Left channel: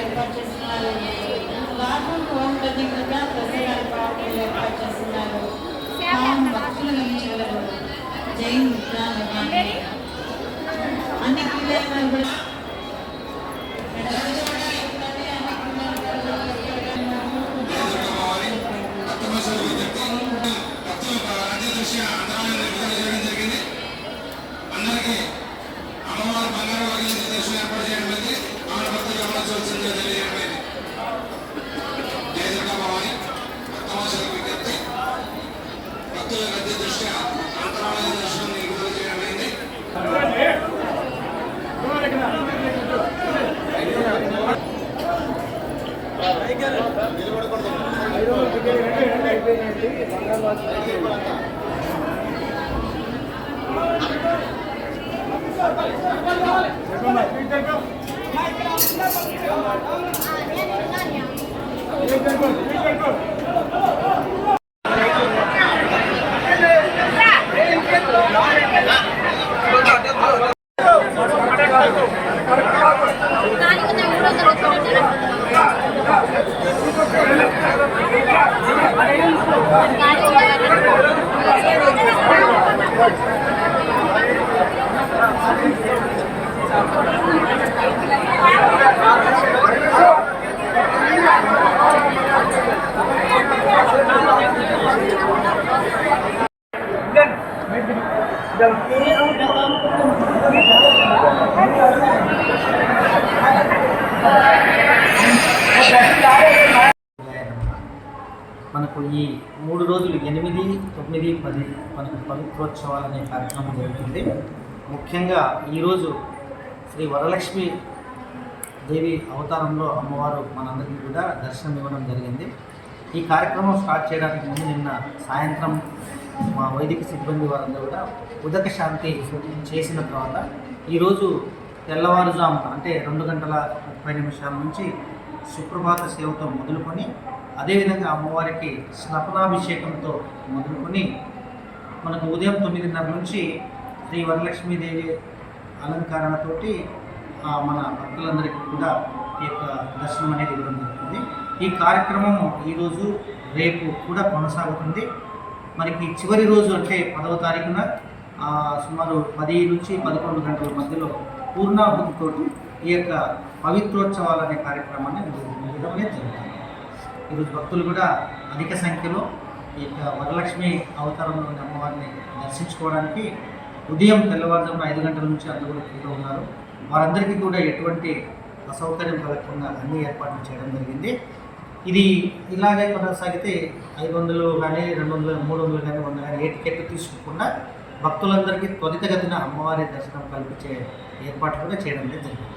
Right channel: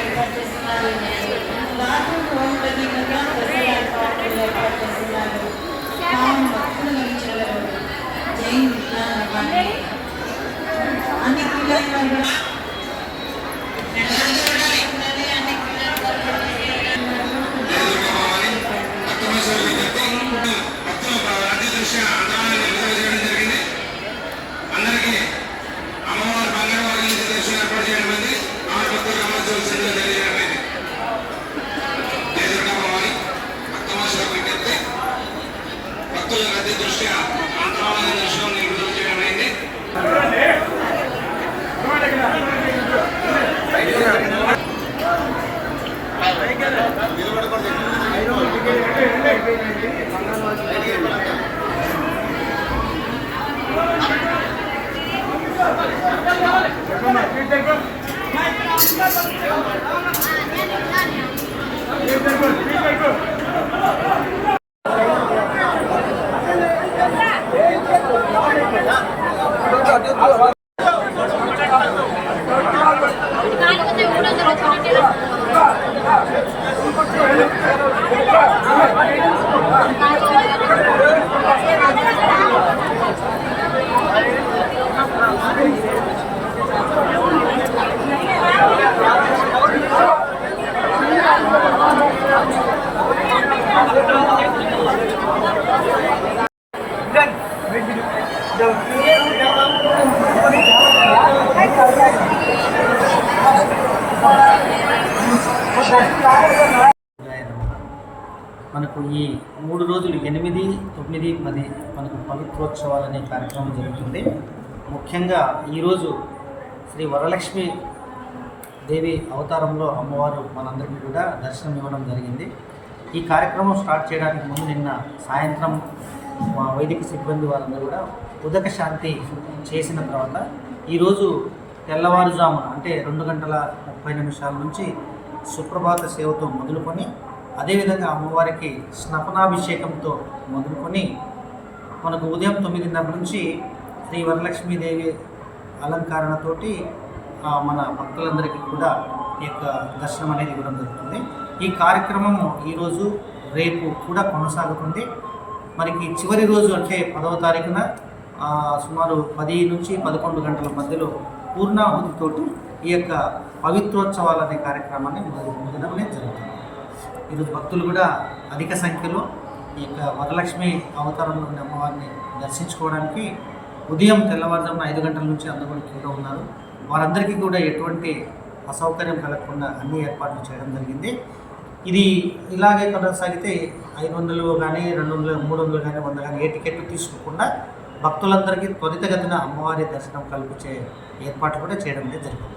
ఏర్పాట్లు చేస్తున్నారు. దాదాపు హోమ్ ప్రత్యేకంగా దసరా ఏర్పాట్లు చేస్తున్నారు. భక్తుల గురించి జైన్ అన్ని క్రీడలు మనకు ఈ 3 రోజులు 8, 9, 10 మనకు పవిత్రోత్సవాలు అనే కార్యక్రమం జరుగుతుంది. ముఖ్యంగా ఈరోజు శ్రీ వరలక్ష్మి దేవి అవతారంలో అమ్మవారు మనందరికీ కూడా దర్శనం ఇవ్వడం జరిగింది. ఈ కార్యక్రమం స్టార్ట్ చేయడానికి ముందు నిన్న సాయంత్రం మా వైదిక సిబ్బంది వారందరూ కూడా ఉదక శాంతి చేసిన తర్వాత ఈరోజు తెల్లవారుజామున అంటే 2:30 నుంచి సుప్రభాత సేవతో మొదలుకొని అదేవిధంగా అమ్మవారికి స్నపనాభిషేకంతో మొదలుకొని మనకు ఉదయం 9:30 నుంచి శ్రీ వరలక్ష్మీదేవి అలంకరణతోటి మన భక్తులందరికీ కూడా ఈ యొక్క దర్శనం అనేది ఇవ్వడం జరుగుతుంది. ఈ కార్యక్రమము ఈరోజు రేపు కూడా కొనసాగుతుంది. మనకి చివరి రోజు అంటే 10వ తారీఖున సుమారు 10 నుంచి 11 గంటల మధ్యలో పూర్ణాహుతితోటి ఈ యొక్క పవిత్రోత్సవాలు అనే కార్యక్రమాన్ని ముగియడం అనేది జరుగుతుంది. ఈరోజు భక్తులు కూడా అధిక సంఖ్యలో ఈ యొక్క వరలక్ష్మి అవతారంలో ఉన్న అమ్మవారిని దర్శించుకోవడానికి ఉదయం తెల్లవారుజామున 5 గంటల నుంచి అందరూ కూడా క్యూలో ఉన్నారు. వారందరికీ కూడా ఎటువంటి అసౌకర్యం కలగకుండా అన్ని ఏర్పాట్లు చేయడం జరిగింది. ఇది ఇలాగే కొనసాగితే 500 కానీ 200, 300 కానీ 100 కానీ ఏ టికెట్ తీసుకోకుండా భక్తులందరికీ త్వరితగతిన అమ్మవారి దర్శనం కల్పించే ఏర్పాట్లు కూడా చేయడం అనేది జరిగింది.